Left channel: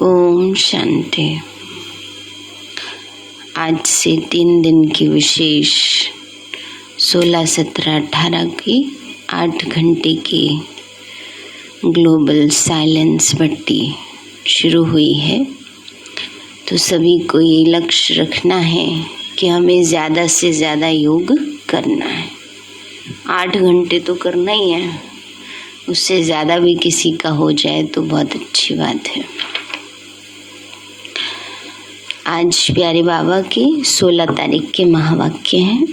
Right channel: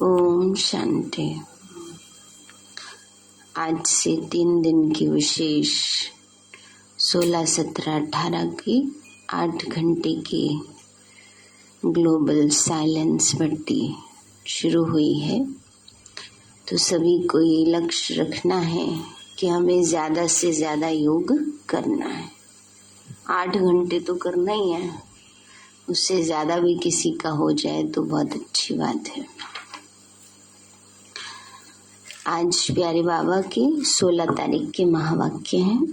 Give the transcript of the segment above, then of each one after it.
ओम शांति। आज से 3 दिन की विशेष 16, 17, 18 की 8 घंटे की ग्लोबल साइलेंस भट्टी शुरू हुई है। तो सभी को ये लक्ष्य रखना है कि हमें ज़्यादा से ज़्यादा योग करना है। 8 घंटे तो करना ही है, उससे ज़्यादा भी किसी का हो जाए तो बहुत अच्छी बात है। आज प्यारे बाबा के 16 तारीख के महावाक्य हैं।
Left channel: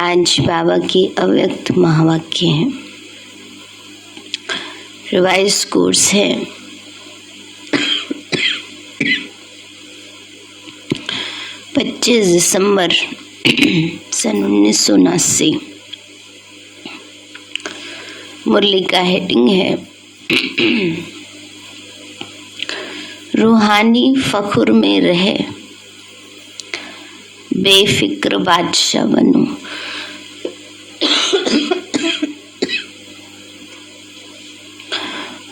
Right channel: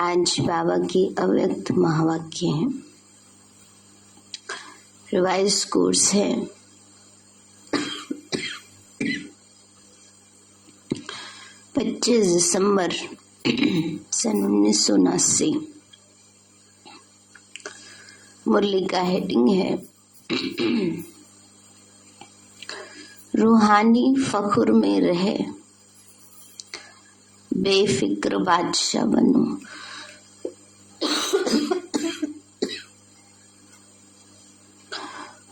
आज बाबा के अव्यक्त महावाक्य हैं। रिवाइज कोर्स है। 25 दिसंबर सन 1979। मुरली का हेडिंग है रूहानी फख्र में रहे, बेफिक्र बादशाह बनो।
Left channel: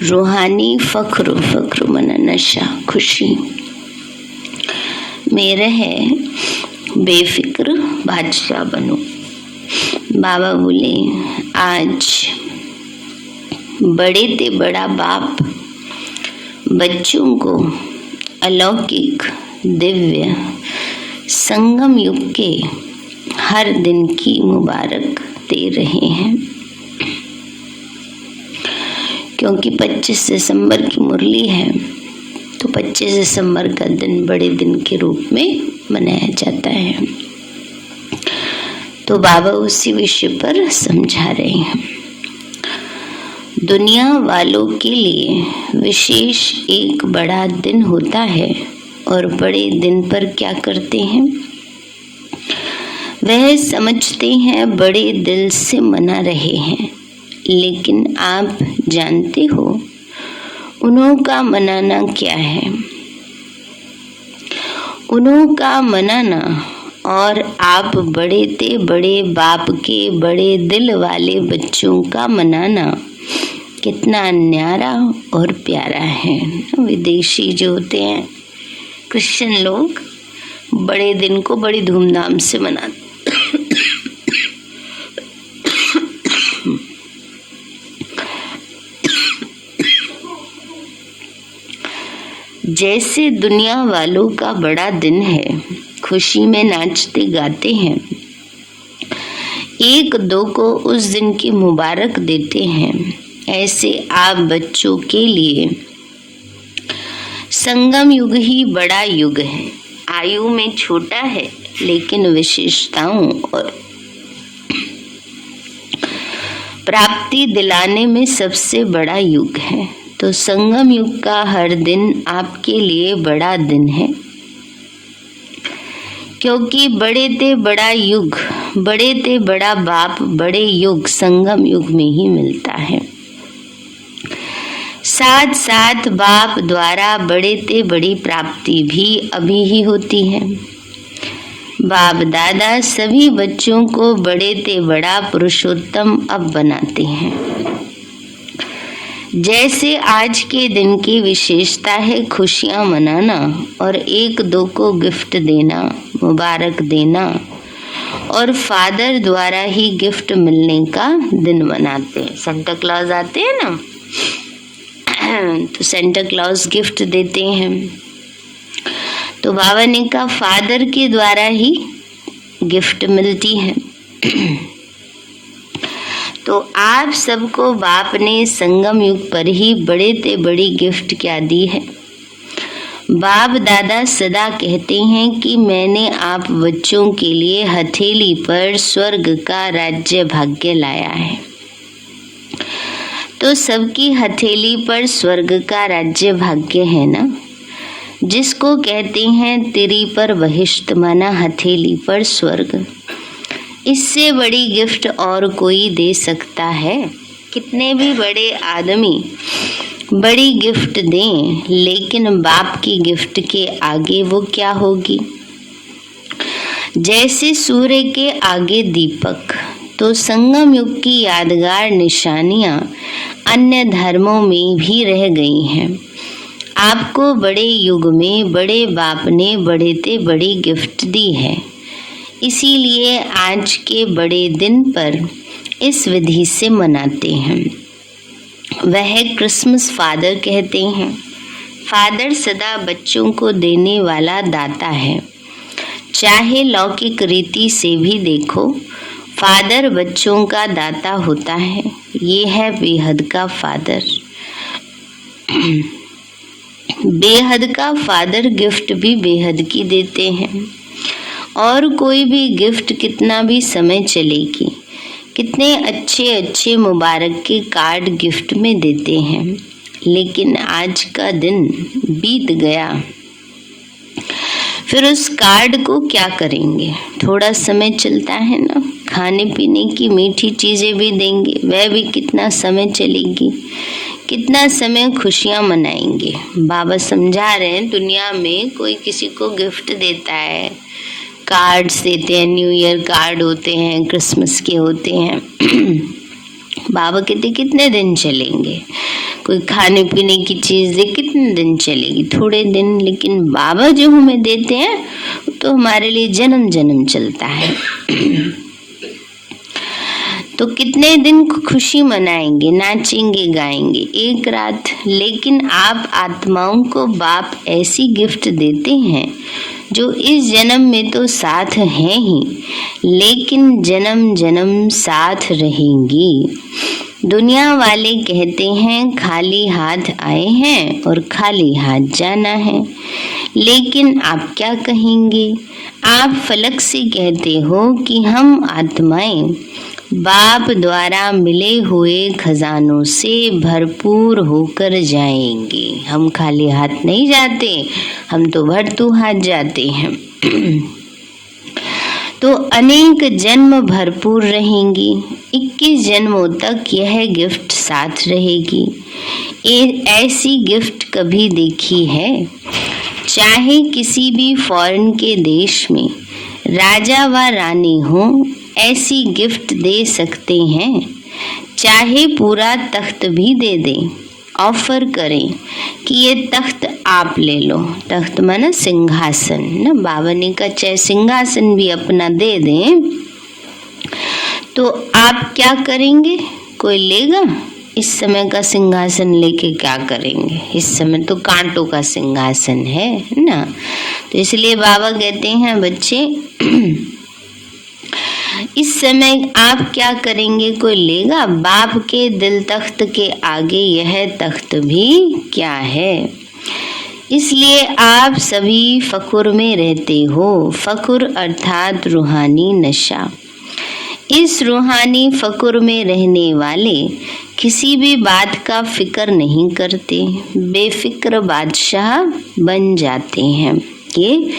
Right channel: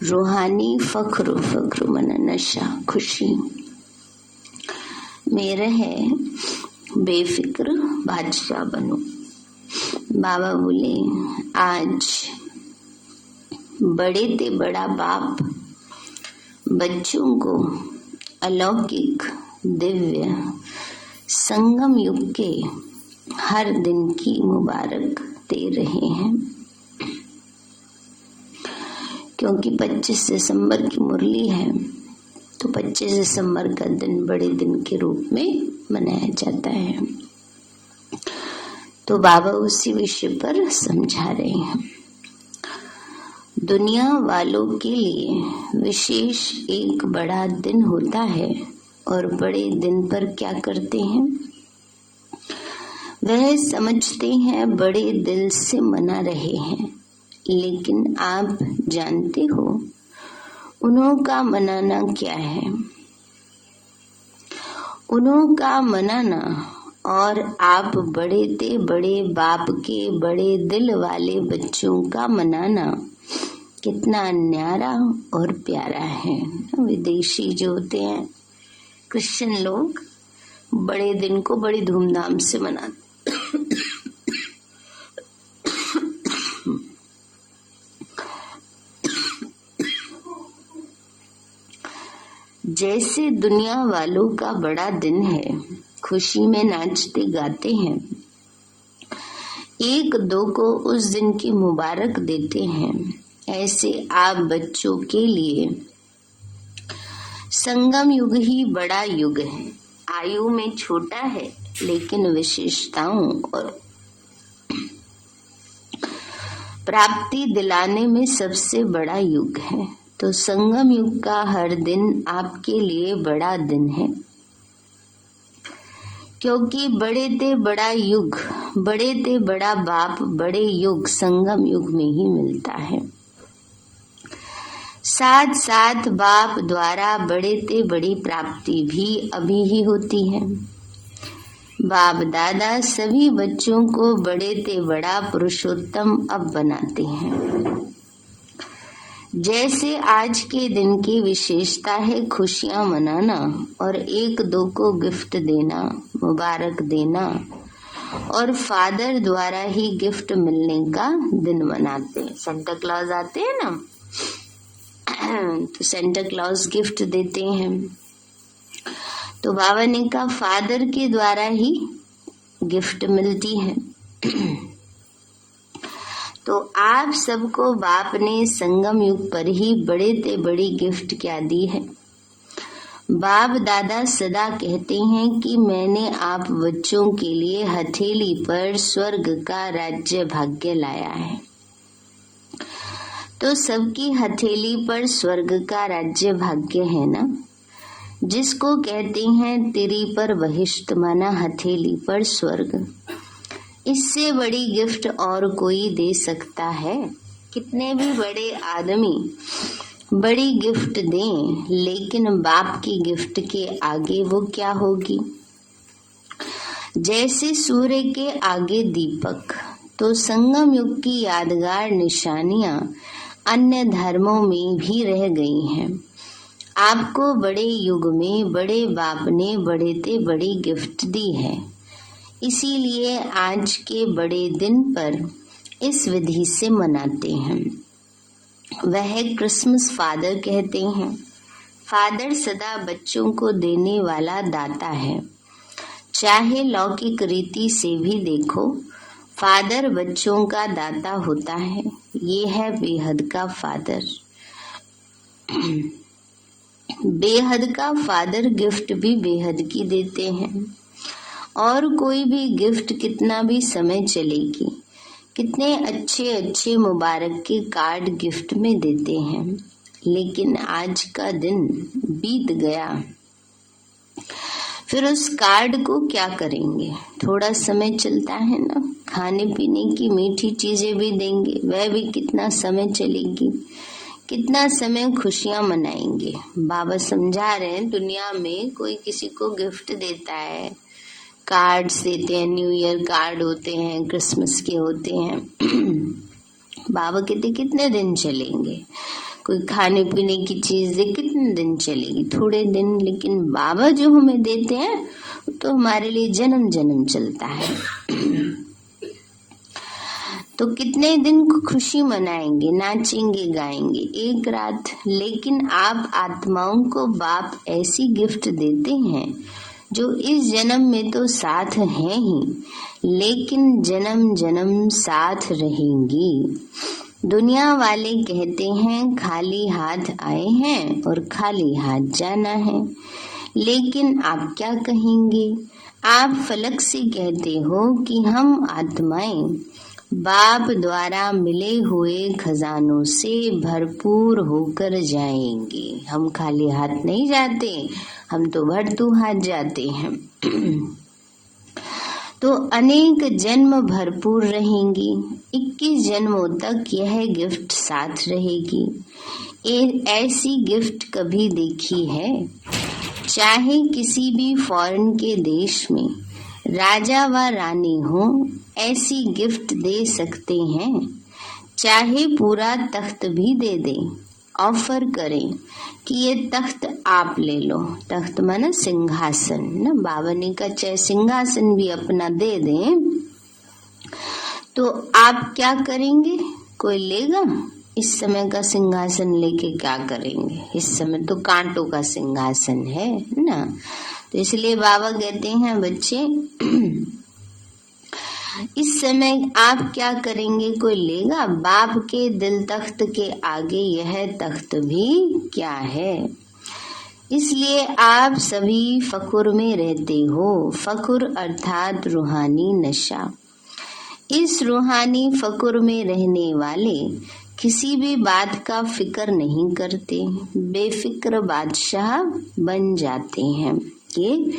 रूहानी फख्र मना नशा, खुशी में रहे, बेफिक्र बादशाह बनो। बाबा बोले आज बड़े ते बड़ा बाप बच्चों को अलौकिक दिव्य संगम युग के हर दिन की मुबारक दे रहे हैं, क्योंकि 25 दिसंबर की मुरली है। तो 25 दिसंबर का दिन बड़े दिन के रूप में मनाया जाता है। तो बाबा उसी विषय पर समझा रहे हैं। दुनिया वालों के लिए विशेष एक बड़ा दिन होता है, और बड़े दिन पर क्या करते हैं? वह समझते हैं बड़े दिल से मना रहे हैं, लेकिन आप जानते हो उन्हों का मनाना क्या है? उन्हों का मनाना और आप बड़े ते बड़े बाप के बड़े दिल वाले बच्चों का मनाना कितना न्यारा और प्यारा है। विदेशी जो होते हैं क्रिश्चियन लोग बड़े दिन को बड़ी धूमधाम से मनाते। जैसे दुनिया वालों का बड़ा दिन है, खुशी में नाचते गाते हैं, एक दो को उस दिन की मुबारक देते हैं, ऐसे आप बच्चों के लिए संगम युग ही बड़ा युग है। आयु में छोटा है, लेकिन विशेषताओं और प्राप्ति दिलाने में सबसे बड़ा युग है। तो संगम युग का हर दिन आपके लिए बड़ा दिन है, क्योंकि बड़े ते बड़ा युग, बड़े ते बड़ा बाप, बड़े युग संगम युग में ही मिलता है। साथ साथ बाप द्वारा बड़े ते बड़ी प्राप्ति भी अभी ही होती है। बाप दादा सभी बच्चों को बड़े ते बड़ा पुरुषोत्तम अब बनाते हैं। जैसे आज के दिन की विशेषता है खुशियां मनाना और एक दो को गिफ्ट देना, मुबारक देना, और फादर द्वारा ही गिफ्ट मिलने का दिन मनाते हैं। सेंटा क्लॉज आते हैं ना, तो सेंटा क्लॉज गिफ्ट देते हैं। तो बाबा ने कहा फादर के द्वारा ही गिफ्ट मिलती है। तो आप सबको बाप ने संगम युग पर ही बड़े ते बड़ी गिफ्ट क्या दी है? बाप दादा सदा कहते हैं कि मैंने आप बच्चों के लिए हथेली पर स्वर्ग का राज्य भाग्य लाया है। तो सबकी हथेली पर स्वर्ग का राज्य भाग्य है ना, जिसको कहते हैं तिरी पर बहिष्ट, माना हथेली पर स्वर्ग। इससे बड़ी गिफ्ट और कोई दे सकता है? कितने भी बड़े आदमी बड़ी गिफ्ट दें, लेकिन बाप की गिफ्ट के आगे वो क्या होगी? जैसे सूर्य के आगे दीपक, तो संगम युग की यादगार निशानियां अन्य धर्मों में भी रह गई हैं। आपको बड़े युग में बड़े बाप ने बड़े ते बड़ी गिफ्ट दी है, इसीलिए आज के बड़े दिन पर इस विधि से मनाते हैं। वह क्रिसमस फादर कहते हैं। फादर सदा बच्चों को देने वाला दाता है। चाहे लौकिक रीति से भी देखो, फादर बच्चों का दाता होता है। ये है बेहद का फादर। बेहद का फादर गिफ्ट भी बेहद की देते हैं। और कोई भी गिफ्ट कितना भी समय चलेगी, कितने अच्छे अच्छे मुबारक के कार्ड गिफ्ट में देते हैं, लेकिन आज का दिन बीत गया, फिर उस कार्ड को क्या करेंगे? थोड़ा समय चलता है ना, खाने पीने की मीठी चीजें भी देंगे, वह भी कितना समय चलेगी, कितना समय खुशियां मनाएंगे। बाबा समझा रहे हैं, दुनिया में कोई किसी को गिफ्ट देता है, कार्ड्स देते हैं, न्यू ईयर कार्ड होते हैं, क्रिसमस के होते हैं। बाबा कहते कितने दिन चलेंगे? कोई खाने पीने की चीज दे, कितने दिन चलेगी? थोड़े दिन। लेकिन बाबा जो हमें देते हैं तो हमारे लिए जन्म जन्म चलता है। तो कितने दिन खुशी मनाएंगे, नाचेंगे, गाएंगे एक रात। लेकिन आप आत्माओं को बाप ऐसी गिफ्ट देते हैं जो इस जन्म में तो साथ हैं ही, लेकिन जन्म जन्म साथ रहेंगी। दुनिया वाले कहते हैं खाली हाथ आए हैं और खाली हाथ जाना है, लेकिन आप क्या कहेंगे? आप फलक से कहते हो कि हम आत्माएं बाप द्वारा मिले हुए खजानों से भरपूर होकर जाएंगे। हम खाली हाथ नहीं जाते, हम तो भरतू हाथ जाते हैं। तो अनेक जन्म भरपूर रहेंगी। 21 जन्मों तक यह गिफ्ट साथ रहेगी। ऐसी गिफ्ट कभी देखी है? चाहे किसी भी फॉरेन के देश में राजा व रानी हो, ऐसी गिफ्ट दे सकते हैं। चाहे पूरा तख्त भी दे दें, ऑफर करें कि ये तख्त आप ले लो। तख्त माना सिंहासन ना, बाबा ने कहा चाहे सिंहासन भी अपना दे दें, तो आप क्या करेंगे? कोई लेगा? इस समय का सिंहासन लेके क्या करेंगे? इस समय तो कांटों का सिंहासन है ना। तो इसलिए बाबा कहते हैं बच्चे, इस समय आप क्या करेंगे? कोई लेगा? बाप के दिल तख्त के आगे यह तख्त भी क्या है? इसलिए आप सभी फकुर में रहते हो। फकुर अर्थात रूहानी नशा। इस रूहानी फकुर में रहने वाले किसी भी बात का फिक्र नहीं करते, बेफिक्र बादशाह बन जाते हैं। ये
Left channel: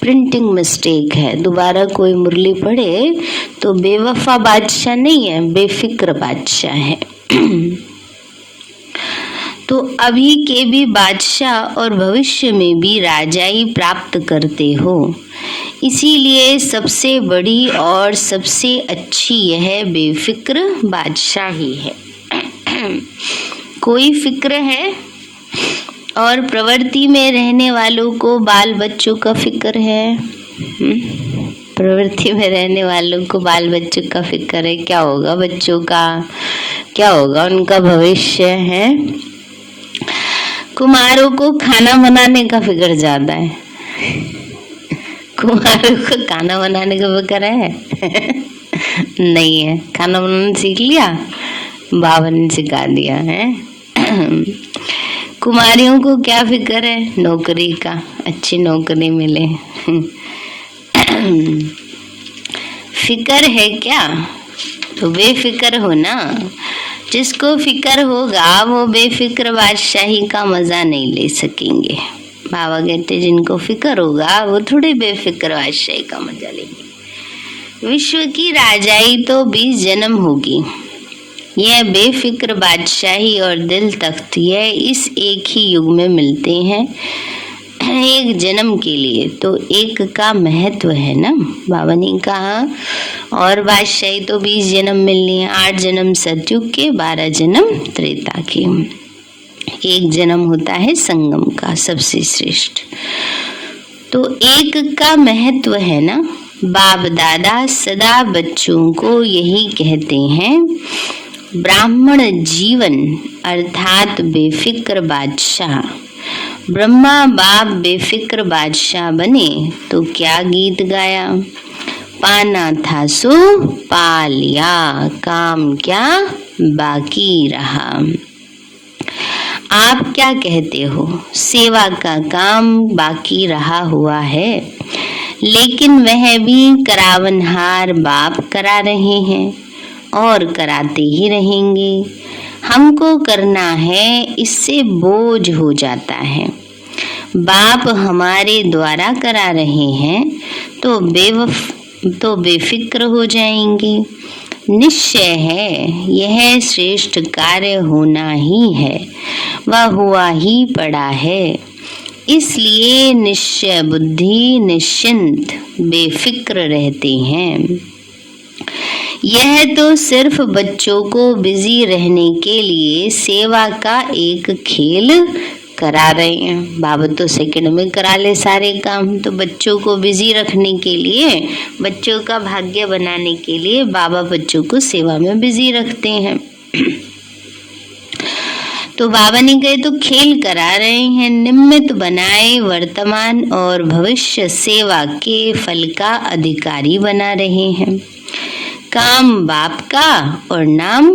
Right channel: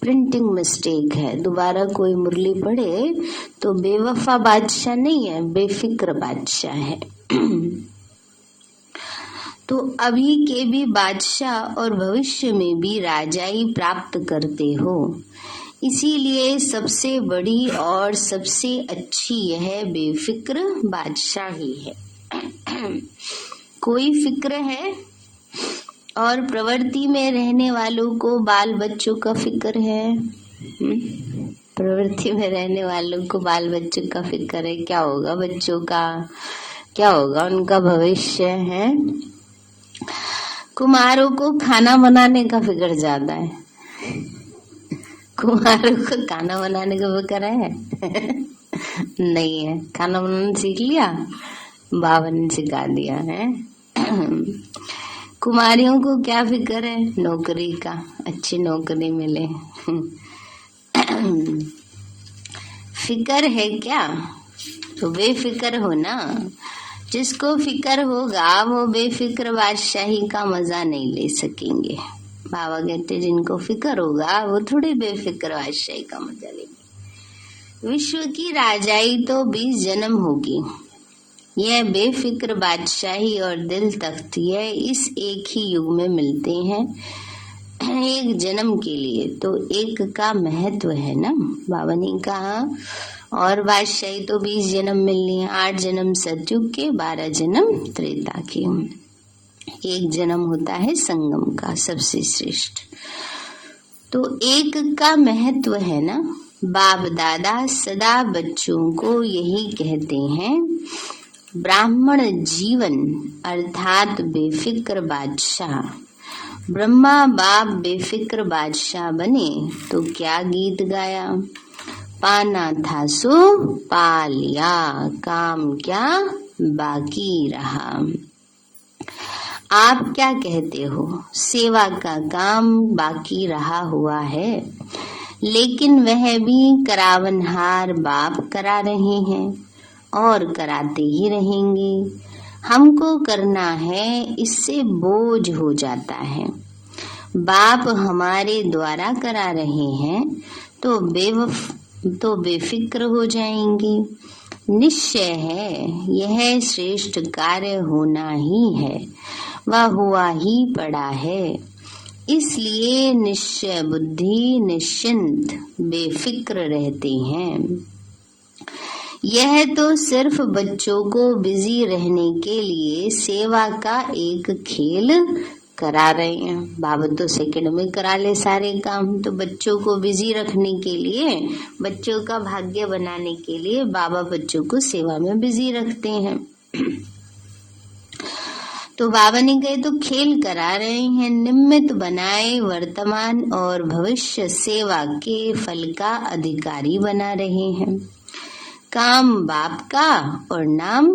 प्रिंटिंग मिस्टेक है। दोबारा कोई मुरली पढ़े तो बेवफा बादशाह नहीं है, बेफिक्र बादशाह है। तो अभी के भी बादशाह और भविष्य में भी राजाई प्राप्त करते हो। इसीलिए सबसे बड़ी और सबसे अच्छी यह बेफिक्र बादशाही है। कोई फिक्र है? और प्रवृत्ति में रहने वालों को बाल बच्चों का फिक्र है। प्रवृत्ति में रहने वालों को बाल बच्चों का फिक्र है। क्या होगा बच्चों का? क्या होगा उनका भविष्य है? कुमारों को खाना बनाने का फिक्र ज्यादा है। कुमारों को खाना बनाने का फिक्र है? नहीं है। खाना बनाना सीख लिया, बाबा ने सिखा दिया है। कुमारियों को क्या फिक्र है? नौकरी का, अच्छी नौकरी मिले। फिक्र है क्या? तो बेफिक्र हो ना। जिसको फिक्र होगा वो बेफिक्र बादशाही का मजा नहीं ले सकेंगे। बाबा कहते जिनको फिक्र होगा वो थोड़े बेफिक्र बादशाही का मजा लेंगे। विश्व की राजाई तो 20 जन्म होगी। यह बेफिक्र बादशाही और दिल तख्त यह इस एक ही युग में मिलते हैं, एक जन्म के लिए। तो एक का महत्व है ना। बाबा ने कहा और बादशाही तो 20 जन्म मिलनी है, 8 जन्म सतयुग के, 12 जन्म त्रेता के। एक जन्म होता है संगम का, सबसे श्रेष्ठ। तो एक का महत्व है ना। बाप दादा सदा बच्चों को यही कहते हैं, ब्राह्मण जीवन अर्थात बेफिक्र बादशाह। ब्रह्मा बाप बेफिक्र बादशाह बने तो क्या गीत गाया, पाना था सो पा लिया, काम क्या बाकी रहा। आप क्या कहते हो, सेवा का काम बाकी रहा हुआ है, लेकिन वह भी करावनहार बाप करा रहे हैं और कराते ही रहेंगे। हमको करना है, इससे बोझ हो जाता है। बाप हमारे द्वारा करा रहे हैं तो बेफिक्र हो जाएंगे। निश्चय है यह श्रेष्ठ कार्य होना ही है, वह हुआ ही पड़ा है। इसलिए निश्चय बुद्धि निश्चिंत बेफिक्र रहते हैं। यह तो सिर्फ बच्चों को बिजी रहने के लिए सेवा का एक खेल करा रहे हैं। बाबा तो सेकंड में करा ले सारे काम, तो बच्चों को बिजी रखने के लिए, बच्चों का भाग्य बनाने के लिए बाबा बच्चों को सेवा में बिजी रखते हैं। तो बाबा ने कहे तो खेल करा रहे हैं, निमित्त बनाए वर्तमान और भविष्य सेवा के फल का अधिकारी बना रहे हैं। काम बाप का और नाम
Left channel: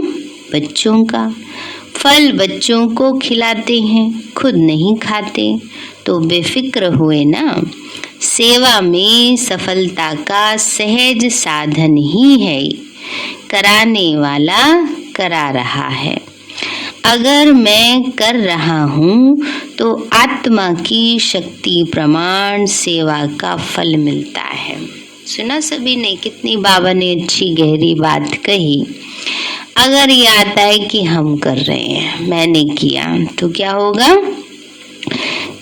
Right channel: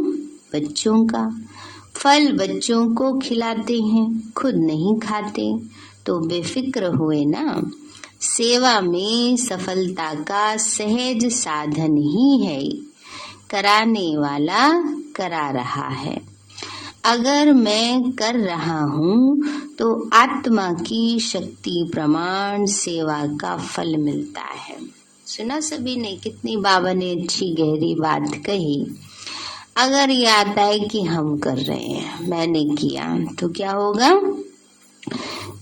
बच्चों का। फल बच्चों को खिलाते हैं, खुद नहीं खाते, तो बेफिक्र हुए ना। सेवा में सफलता का सहज साधन ही है, कराने वाला करा रहा है। अगर मैं कर रहा हूँ तो आत्मा की शक्ति प्रमाण सेवा का फल मिलता है। सुना सभी ने, कितनी बाबा ने अच्छी गहरी बात कही। अगर ये आता है कि हम कर रहे हैं, मैंने किया, तो क्या होगा,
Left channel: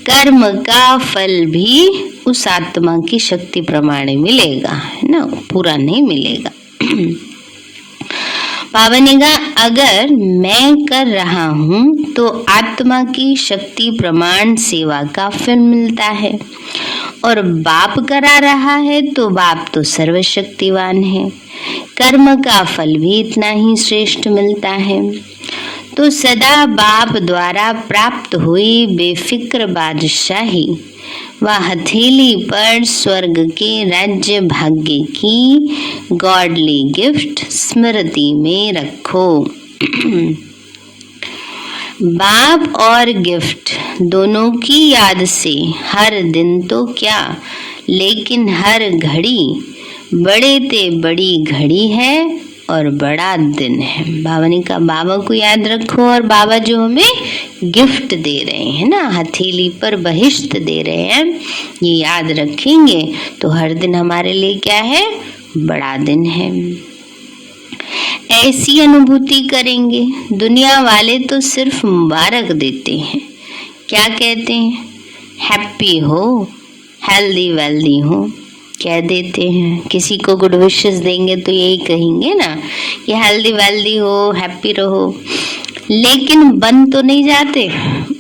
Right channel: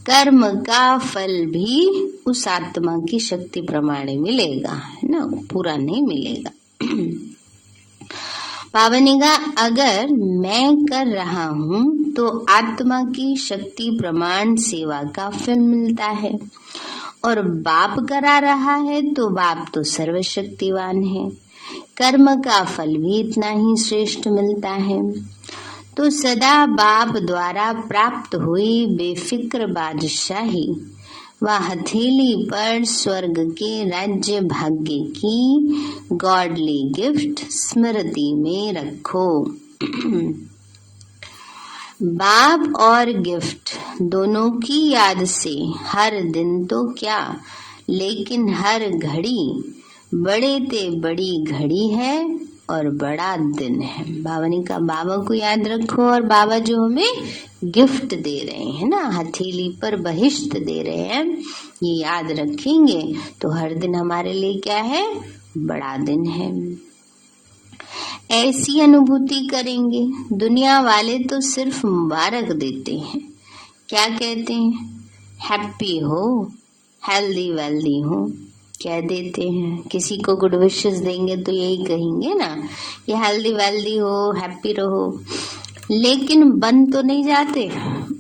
कर्म का फल भी उस आत्मा की शक्ति प्रमाण मिलेगा, है ना, पूरा नहीं मिलेगा। बाबा ने कहा अगर मैं कर रहा हूँ तो आत्मा की शक्ति प्रमाण सेवा का फल मिलता है, और बाप करा रहा है तो बाप तो सर्वशक्तिवान है, कर्म का फल भी इतना ही श्रेष्ठ मिलता है। तो सदा बाप द्वारा प्राप्त हुई बेफिक्र बादशाही व हथेली पर स्वर्ग के राज्य भाग्य की गॉडली गिफ्ट स्मृति में रखो। बाप और गिफ्ट दोनों की याद से हर दिन तो क्या, लेकिन हर घड़ी बड़े ते बड़ी घड़ी है और बड़ा दिन है। बाबा ने कहा बाबा को याद रखो, और बाबा जो हमें गिफ्ट दे रहे हैं ना, हथेली पर बहिश्त दे रहे हैं, ये याद रखेंगे तो हर दिन हमारे लिए क्या है, बड़ा दिन है। ऐसी अनुभूति करेंगे। दुनिया वाले तो सिर्फ मुबारक देते हैं, क्या कहते हैं, हैप्पी हो, हेल्दी वेल्दी हो, कह देते हैं। किसी को गुड विशेस देंगे तो यही कहेंगे ना कि हेल्दी वेल्दी हो, हैप्पी रहो, लेकिन बन तो नहीं जाते,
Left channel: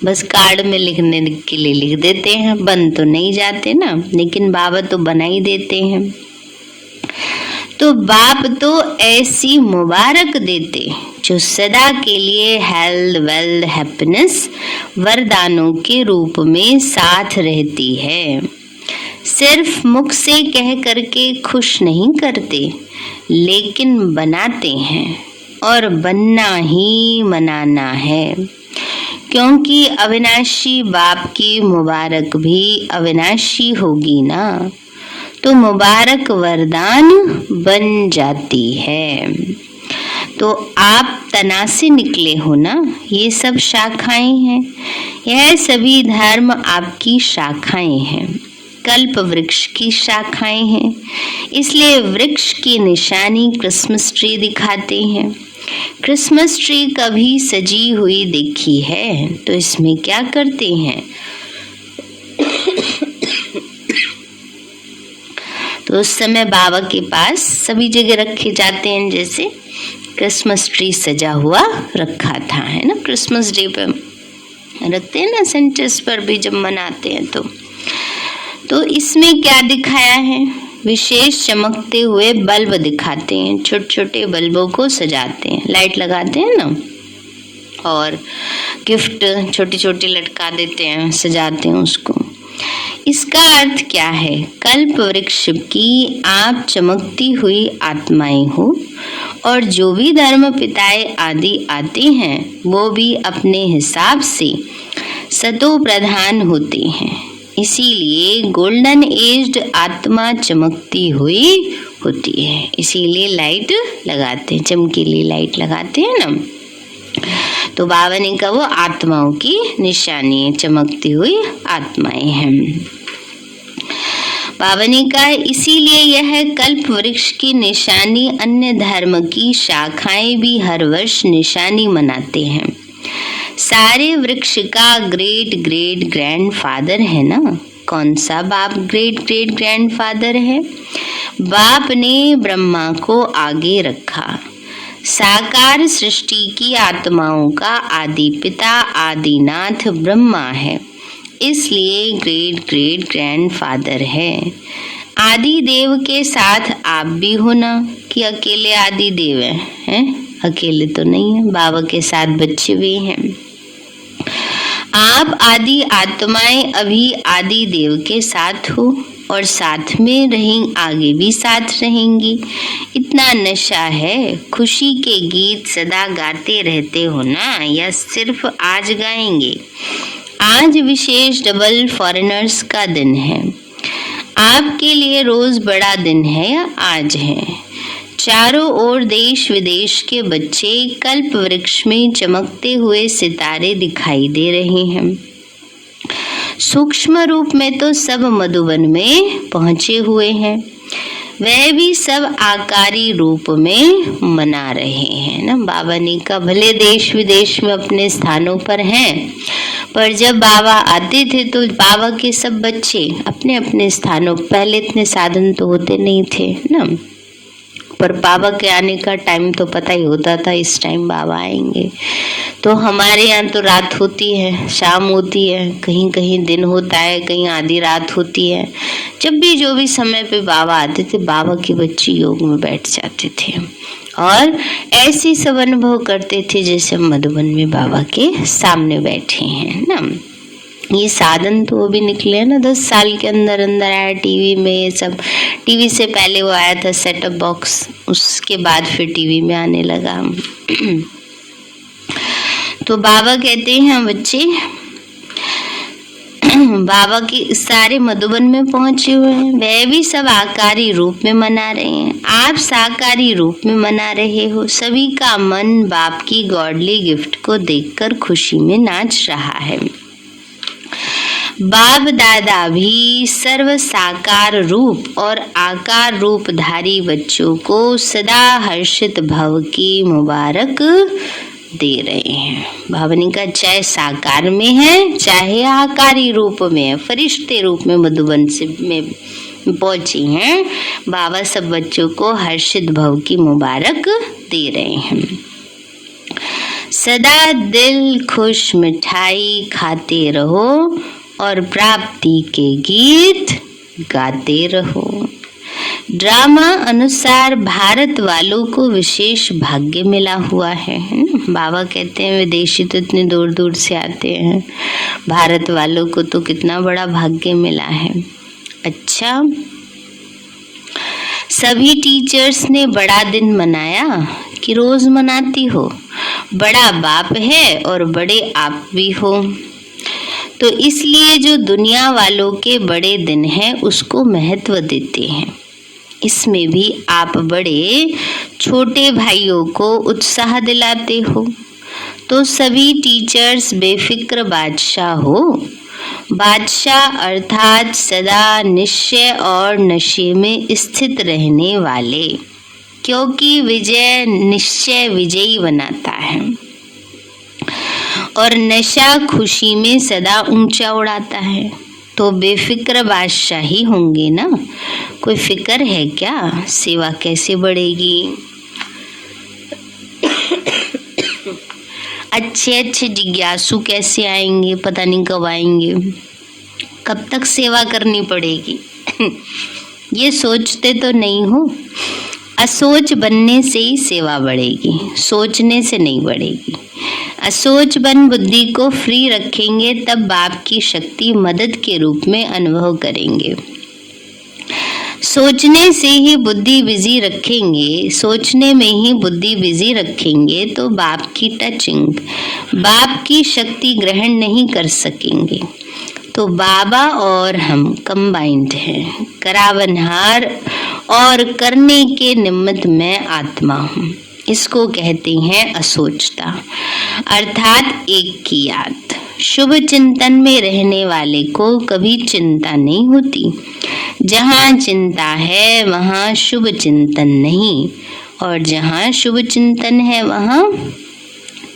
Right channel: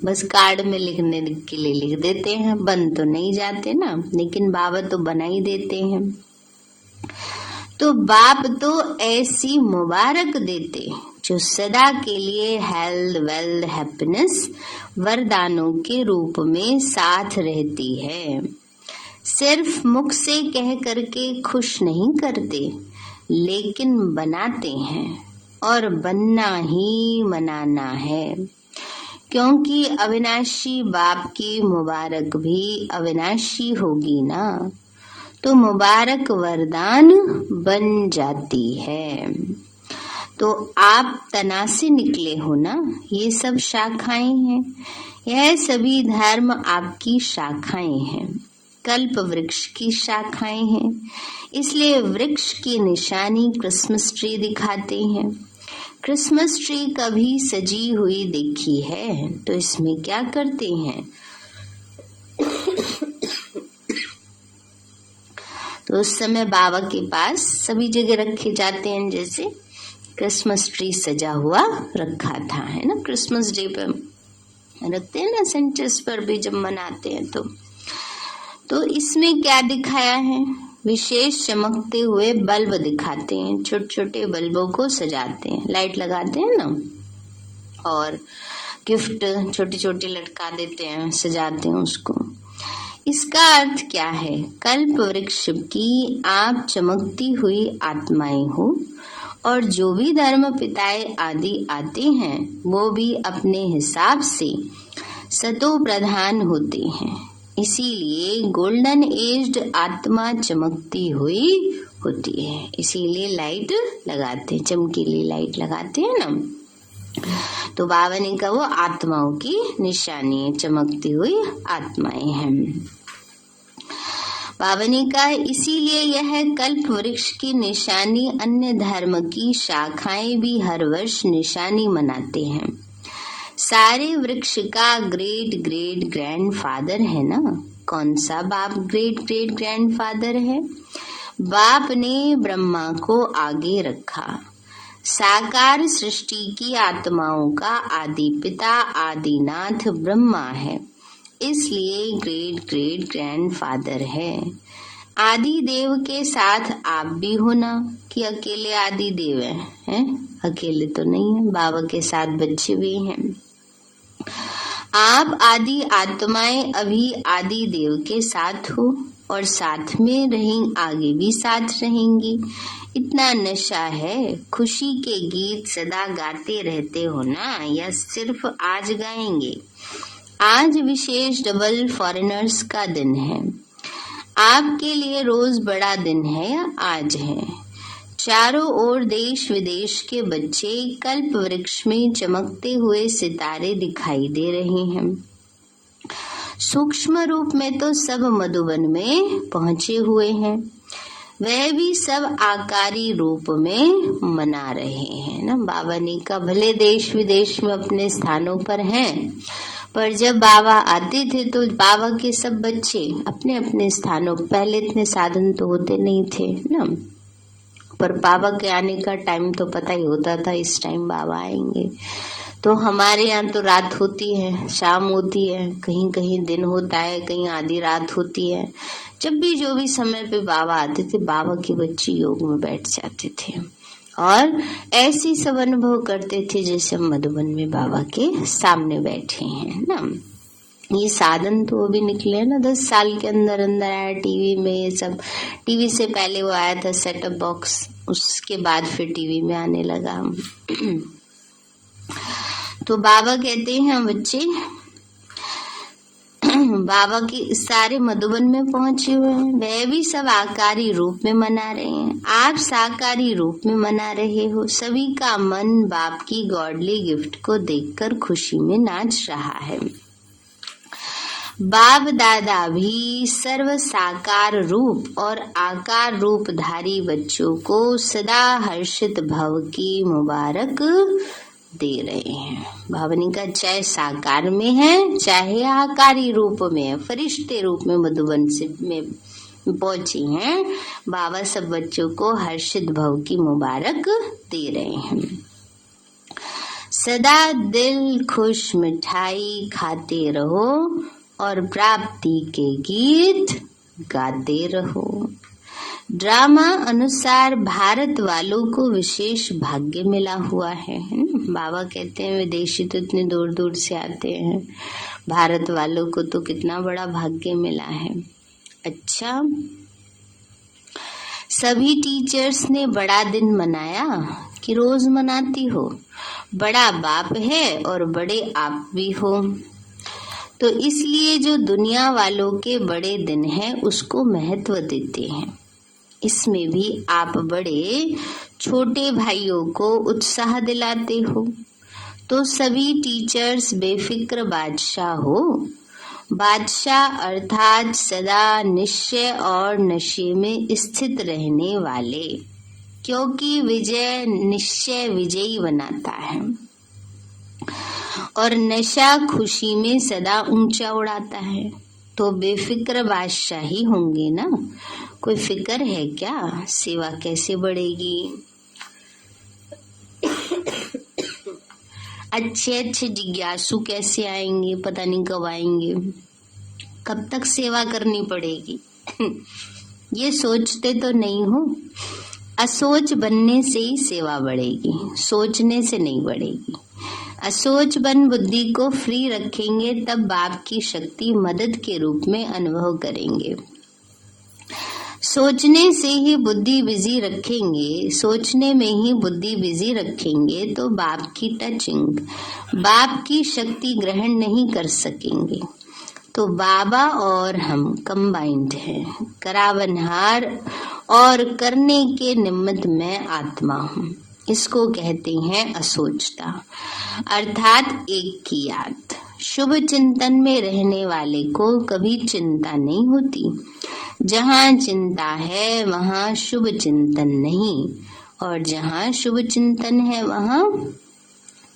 बस कार्ड में लिखने के लिए लिख देते हैं, बन तो नहीं जाते ना, लेकिन बाबा तो बना ही देते हैं। तो बाप तो ऐसी मुबारक देते जो सदा के लिए हेल्थ वेल्थ हैप्पीनेस वरदानों के रूप में साथ रहती है। सिर्फ मुख से कह करके खुश नहीं करते, लेकिन बनाते हैं, और बनना ही मनाना है, क्योंकि अविनाशी बाप की मुबारक भी अविनाशी होगी ना, तो मुबारक वरदान बन जाती है। तो आप तना से निकले हो ना, ये सब शाखाएं हैं, यह सभी धर्म आपकी शाखाएं हैं, कल्प वृक्ष की शाखाएं हैं। इसलिए वृक्ष की निशानी क्रिसमस ट्री दिखाते हैं। क्रिसमस ट्री कभी सजी हुई देखी है तो इसमें क्या करते हैं, तो उस समय बाबा के पास सभी जगह रखे जाते हैं, जैसे क्रिसमस ट्री सजा हुआ रखा था, है ना, क्रिसमस डे पे रखते हैं ना सेंटर्स पर भी जब मनाते हैं तो इसमें क्या दिखाया है, विशेष चमकते हुए बल्ब दिखाते हैं, छोटे छोटे बल्बों को सजाते हैं, लाइट लगाते हैं ना, और गिफ्ट छोटी छोटी लटका देते हैं, सजाते हैं उसको। इसका अर्थ क्या है, कल्प वृक्ष की आप चमकती हुई आत्माएं हो, और जो भी धर्म पिताएं आदि आते हैं वो भी अपने हिसाब से सतो प्रधान होते हैं। इसीलिए गोल्डन एज्ड आत्मा चमकती हुई होती है, इसीलिए लाइट लगाते हैं, चमकीली लाइट लगाते हैं ना। तो बाबा ने कहा वो आत्माओं की निशानी है, चमकती हुई आत्माएं हैं। बाबा ने कहा इसीलिए यह कल्प वृक्ष की निशानी अन्य धर्म की शाखाएं भी हर वर्ष निशानी मनाते हैं। सारे वृक्ष का ग्रेट ग्रेट ग्रैंड फादर है ना। कौन सा बाप ग्रेट ग्रेट ग्रैंड फादर है? बाप ने ब्रह्मा को आगे रखा। साकार सृष्टि की आत्माओं का आदि पिता आदिनाथ ब्रह्मा है, इसलिए ग्रेट ग्रेट ग्रैंड फादर है। आदि देव के साथ आप भी हो ना, कि अकेले आदि देव हैं? अकेले तो नहीं है, बाबा के साथ बच्चे भी हैं। आप आदि आत्माएं अभी आदि देव के साथ हो और साथ में रहेंगी, आगे भी साथ रहेंगी। इतना नशा है, खुशी के गीत सदा गाते रहते हो ना, या सिर्फ आज गाएंगे? आज विशेष डबल फॉरेनर्स का दिन है। आपके लिए रोज बड़ा दिन है या आज है? चारों ओर देश विदेश के बच्चे कल्प वृक्ष में चमकते हुए सितारे दिखाई दे रहे हैं। सूक्ष्म रूप में तो सब मधुबन में पहुंचे हुए हैं, वह भी सब आकारी रूप में मना रहे हैं ना। बाबा ने कहा भले देश विदेश में अपने स्थानों पर हैं, पर जब बाबा आते थे तो बाबा के सब बच्चे अपने अपने स्थानों, पहले इतने साधन तो होते नहीं थे ना, पर बाबा के आने का टाइम तो पता ही होता था, इस टाइम बाबा आएंगे। तो हमारे यहाँ तो रात होती है, शाम होती है, कहीं कहीं दिन होता है, कहीं आधी रात होती है। जब भी जो भी समय पे बाबा आते थे, बाबा के बच्चे योग में बैठ जाते थे और ऐसे सब अनुभव करते थे जैसे मधुबन में बाबा के सामने बैठे हैं ना। ये साधन तो वो भी निकले ना 10 साल के अंदर अंदर आया टीवी में। ये सब टीवी से पहले वो आया था सेटअप बॉक्स, उसके बाद फिर टीवी में आने लगा। तो बाबा कहते हैं बच्चे, बाबा के सारे मधुबन में पहुंचे हुए हैं, वह भी सब आकारी रूप में मना रहे हैं, आप साकारी रूप में मना रहे हो। सभी का मन बाप की गॉडली गिफ्ट को देखकर खुशी में नाच रहा है। बाप दादा भी सर्व साकार रूप और आकार रूपधारी बच्चों को सदा हर्षित भव की मुबारक दे रहे हैं। बाबा ने कहा चाहे साकार में है चाहे आकारी रूप में है, फरिश्ते रूप में मधुबन से में पहुंची हैं, बाबा सब बच्चों को हर्षित भव की मुबारक दे रहे हैं। सदा दिल खुश मिठाई खाते रहो और प्राप्ति के गीत गाते रहो। ड्रामा अनुसार भारत वालों को विशेष भाग्य मिला हुआ है। बाबा कहते हैं विदेशी तो इतने दूर दूर से आते हैं, भारत वालों को तो कितना बड़ा भाग्य मिला है। अच्छा, सभी टीचर्स ने बड़ा दिन मनाया कि रोज मनाती हो? बड़ा बाप है और बड़े आप भी हो, तो इसलिए जो दुनिया वालों के बड़े दिन हैं उसको महत्व देते हैं। इसमें भी आप बड़े छोटे भाइयों को उत्साह दिलाते हो। तो सभी टीचर्स बेफिक्र बादशाह हो। बादशाह अर्थात सदा निश्चय और नशे में स्थित रहने वाले, क्योंकि विजय निश्चय विजयी बनाता है और नशा खुशी में सदा ऊंचा उड़ाता है। तो बेफिक्र बादशाह ही होंगे ना। कोई फिक्र है क्या? सेवा कैसे बढ़ेगी? अच्छे अच्छे जिज्ञासु कैसे आएंगे, पता नहीं कब आएंगे, कब तक सेवा करनी पड़ेगी। ये सोचते तो नहीं हो। असोच बनने से ही सेवा बढ़ेगी, सोचने से नहीं बढ़ेगी। असोच बन बुद्धि को फ्री रखेंगे तब बाप की शक्ति मदद के रूप में अनुभव करेंगे। सोचने से ही बुद्धि बिजी रखेंगे, सोचने में ही बुद्धि बिजी रखेंगे तो बाप की टचिंग, बाप की शक्ति ग्रहण नहीं कर सकेंगे। तो बाबा और हम कंबाइंड हैं, करावनहार और करने के निमित्त मैं आत्मा हूँ। इसको कहते हैं असोचता, अर्थात एक की याद। शुभ चिंतन में रहने वाले को कभी चिंता नहीं होती। जहाँ चिंता है वहाँ शुभ चिंतन नहीं, और जहाँ शुभ चिंतन है वहाँ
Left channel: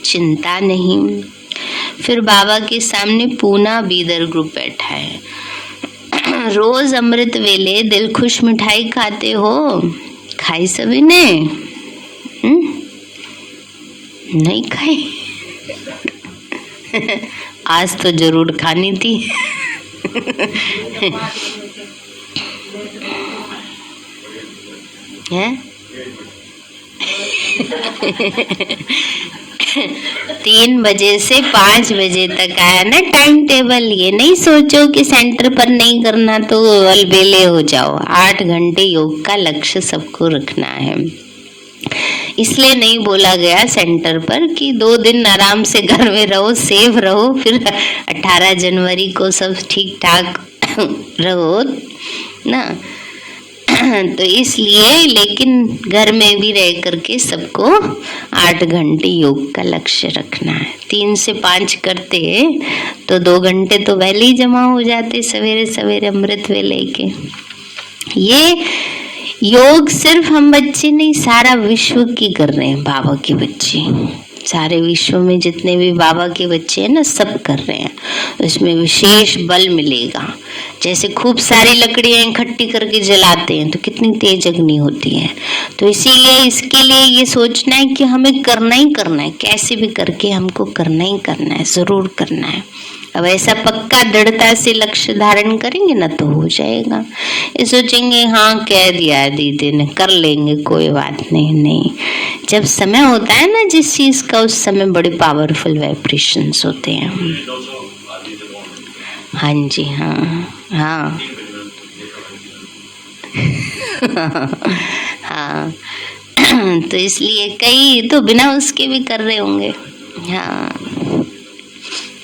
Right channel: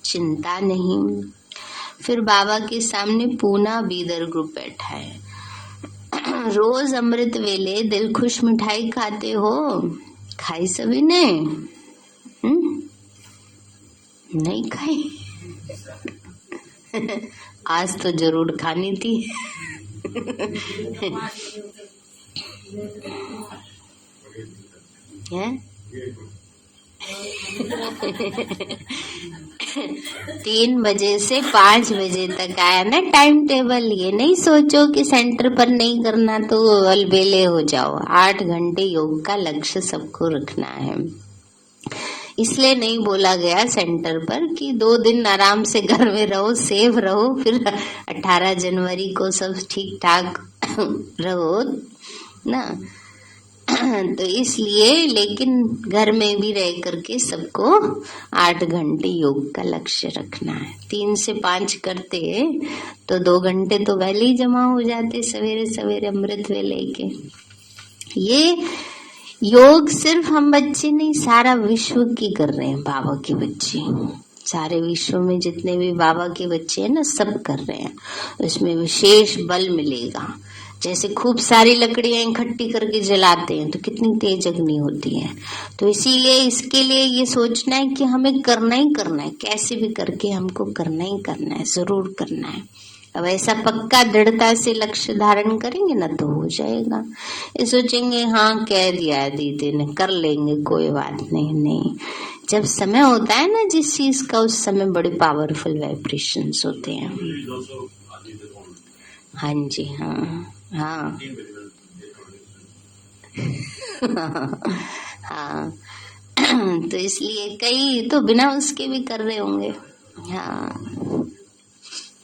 चिंता नहीं। फिर बाबा के सामने पूना बीदर ग्रुप बैठा है। रोज अमृत वेले दिल खुश मिठाई खाते हो, खाई सभी ने? नहीं खाई? आज तो जरूर खानी थी। है 3 बजे से 5 बजे तक आया ना टाइम टेबल। ये नहीं सोचो कि सेंटर पर नहीं करना तो अलबेले हो जाओ। 8 घंटे योग का लक्ष्य सबको रखना है। इसलिए नहीं बोला गया सेंटर पर कि 2 दिन आराम से घर में रहो, सेफ रहो, फिर 18 जनवरी को सब ठीक ठाक रहो ना। तो इसलिए लेकिन घर में भी रह करके सबको 8 घंटे योग का लक्ष्य रखना है। 3 से 5 करते तो 2 घंटे तो पहले ही जमा हो जाते सवेरे सवेरे अमृत वेले के। ये योग सिर्फ हम बच्चे नहीं, सारा विश्व की कर रहे हैं बाबा के बच्चे। सारे विश्व में जितने भी बाबा के बच्चे हैं ना, सब कर रहे हैं। इसमें विशेष बल मिलेगा। जैसे खूब सारी लकड़ियां इकट्ठी करके जलाते हैं तो कितनी तेज अग्नि होती है। तो इसीलिए इसके लिए ये सोचना है कि हमें करना ही करना है, कैसे भी करके हमको करना ही करना है, जरूर करना है। अब ऐसा पक्का दृढ़ता से लक्ष्य धारण करेंगे ना तो हो जाएगा। ये सोचेंगे हाँ कह दिया दीदी ने, कर लेंगे, कोई बात नहीं। नहीं, जब समय होता है ना जिस चीज का, उस समय बड़े पावरफुल वाइब्रेशंस होते हैं। हाँ जी, हाँ हाँ हाँ। तो इसलिए कई तो बिना उसके भी कर रहे होंगे। हाँ,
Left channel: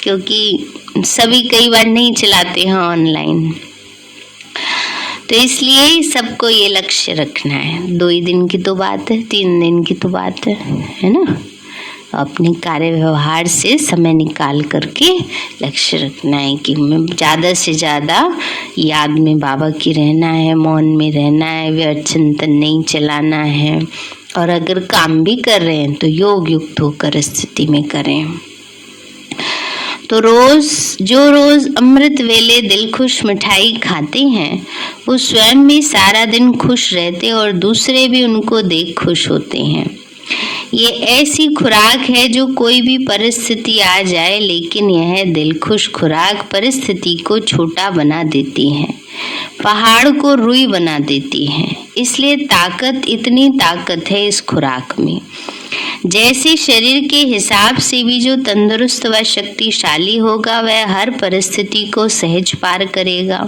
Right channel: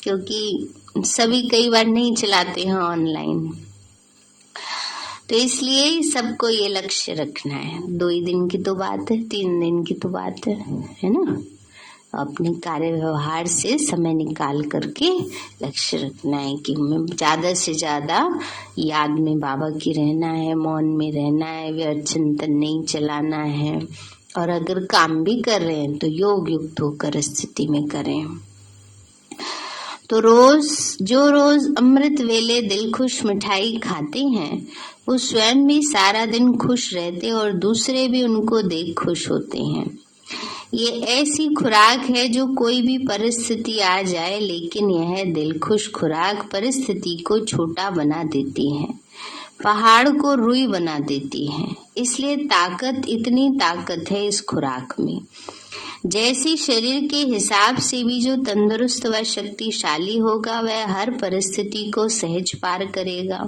क्योंकि सभी कई बार नहीं चलाते हैं ऑनलाइन। तो इसलिए सबको ये लक्ष्य रखना है। 2 ही दिन की तो बात है, 3 दिन की तो बात है ना। अपने कार्य व्यवहार से समय निकाल करके लक्ष्य रखना है कि मैं ज़्यादा से ज़्यादा याद में बाबा की रहना है, मौन में रहना है, व्यर्थ चिंतन नहीं चलाना है। और अगर काम भी कर रहे हैं तो योग युक्त होकर स्थिति में करें। तो जो रोज अमृत वेले दिल खुश मिठाई खाते हैं वो स्वयं भी सारा दिन खुश रहते और दूसरे भी उनको देख खुश होते हैं। ये ऐसी खुराक है जो कोई भी परिस्थिति आ जाए, लेकिन यह दिल खुश खुराक परिस्थिति को छोटा बना देती है, पहाड़ को रुई बना देती है। इसलिए इतनी ताकत है इस खुराक में। जैसे शरीर के हिसाब से भी जो तंदुरुस्त व शक्तिशाली होगा वह हर परिस्थिति को सहज पार करेगा,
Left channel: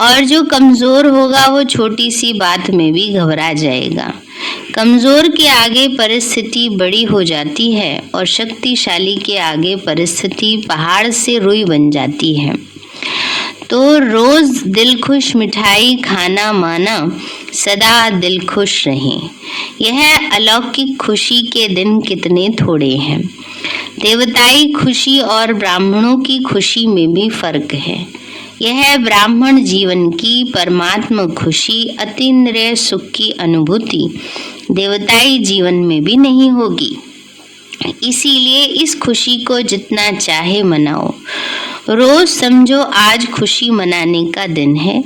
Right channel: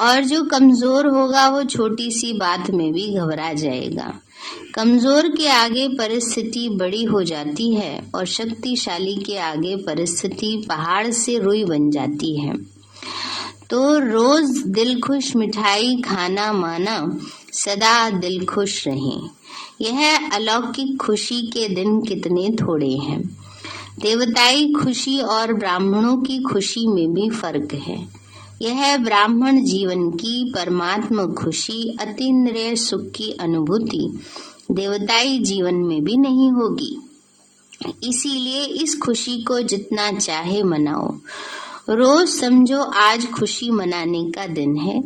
और जो कमजोर होगा वो छोटी सी बात में भी घबरा जाएगा। कमजोर के आगे परिस्थिति बड़ी हो जाती है और शक्तिशाली के आगे परिस्थिति पहाड़ से रुई बन जाती है। तो रोज दिल खुश मिठाई खाना माना, सदा दिल खुश रहें। यह अलौकिक खुशी के दिन कितने थोड़े हैं। देवताई खुशी और ब्राह्मणों की खुशी में भी फर्क है। यह ब्राह्मण जीवन की परमात्मा खुशी, अतीन्द्रिय सुख की अनुभूति देवताई जीवन में भी नहीं होगी। इसीलिए इस खुशी को जितना चाहे मनाओ। रोज समझो आज खुशी मनाने का दिन है।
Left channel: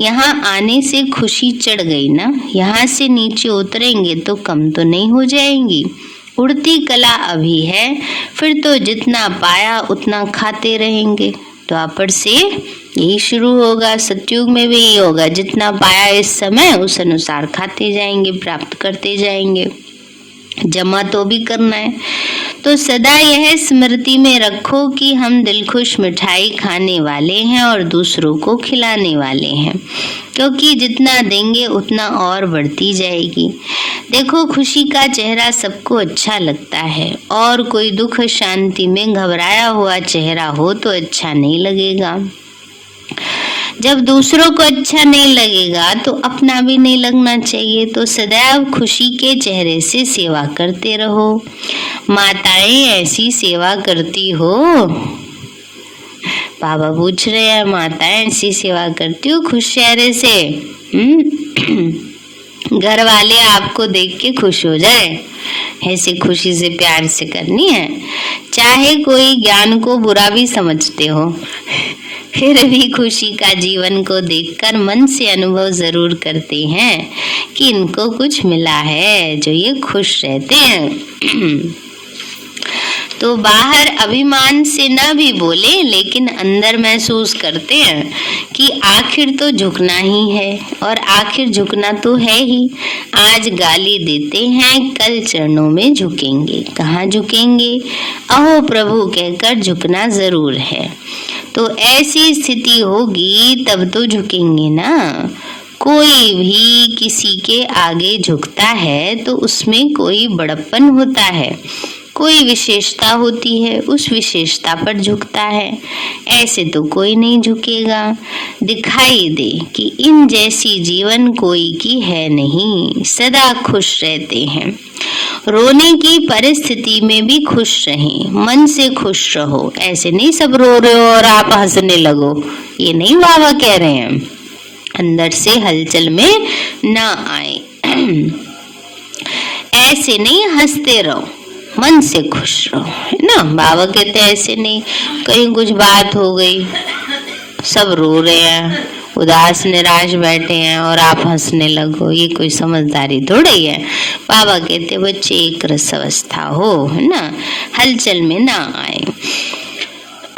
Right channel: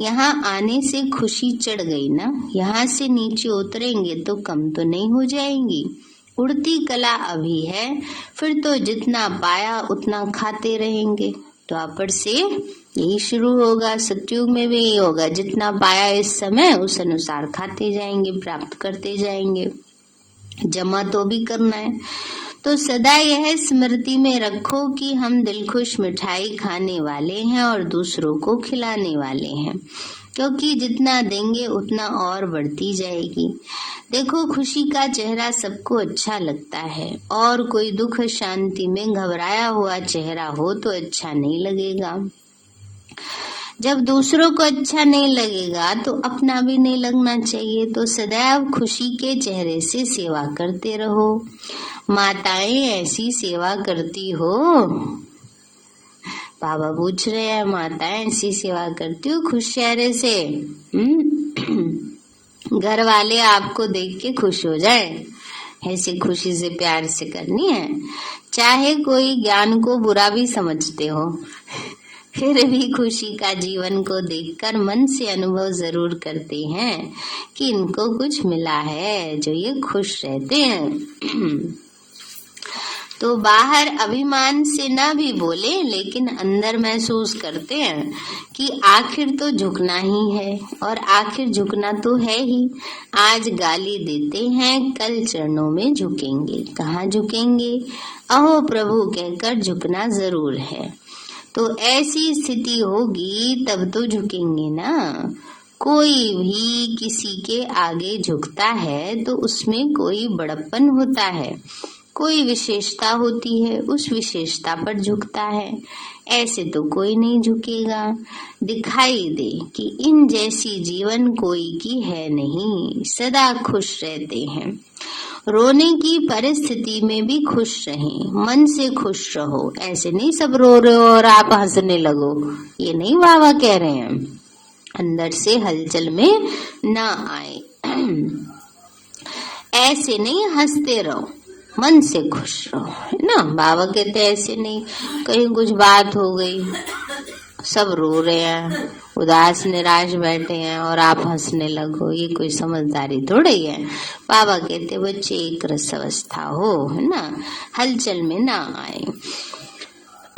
यहाँ आने से खुशी चढ़ गई ना, यहाँ से नीचे उतरेंगे तो कम तो नहीं हो जाएंगी। उड़ती कला अभी है, फिर तो जितना पाया उतना खाते रहेंगे। द्वापर से यही शुरू होगा, सतयुग में भी यही होगा, जितना पाया इस समय उस अनुसार खाते जाएंगे, प्राप्त करते जाएंगे, जमा तो भी करना है। तो सदा यह स्मृति में रखो कि हम दिलखुश मिठाई खाने वाले हैं और दूसरों को खिलाने वाले हैं, क्योंकि जितना देंगे उतना और बढ़ती जाएगी। देखो, खुशी का चेहरा सबको अच्छा लगता है, और कोई दुख शांति में घबराया हुआ चेहरा हो तो अच्छा नहीं लगेगा। जब दूसरों को अच्छा नहीं लगेगा तो अपना भी नहीं लगना चाहिए। तो सदैव खुशी के चेहरे से सेवा करते रहो। माताएं ऐसी सेवा करती हो? बाबा पूछ रहे हैं, माताएं ऐसी सेवा करती हो खुश चेहरे से? घर वाले आपको देख के खुश हो जाए, ऐसे खुशी से प्यार से करनी है। चाहे कोई ज्ञान को बुरा भी समझते हो, फिर भी खुशी का जीवन को देखकर मन से अनुभव जरूर करते हैं कि इनको कुछ मिला है, जो ये खुश रहते हैं। तो बाहर अभिमान से ना भी बोले, लेकिन अंदर महसूस करते हैं कि आखिर तो झुकना ही है, और आखिर झुकना तो है ही। आज गाली देते हैं, कल चरणों में झुकेंगे। कहाँ झुकेंगे? अहो प्रभु कहकर झुकना जरूर है। तो ऐसी स्थिति होगी तब तो झुकेंगे ना। कोई भी किसी के आगे झुकता है तो उसमें कोई बड़प्पन होता है, कोई विशेषता होती है, उस विशेषता पर झुकता है। ऐसे तो कोई नहीं झुकेगा। दिखाई दे कि इन जैसी जीवन कोई की है नहीं, सदा खुश रहते हैं। रोने की परिस्थिति में भी खुश रहें, मन से खुश रहो। ऐसे नहीं सब रो रहे हो और आप हंसने लगो, ये नहीं बाबा कह रहे हैं। अंदर से हलचल में ना आए, ऐसे नहीं हंसते रहो, मन से खुश रहो, है ना। बाबा कहते हैं ऐसे नहीं, कहीं कुछ बात हो गई, सब रो रहे हैं, उदास निराश बैठे हैं और आप हंसने लगो, ये कोई समझदारी थोड़ी है। बाबा कहते बच्चे एक रस अवस्था हो, है ना, हलचल में ना आए।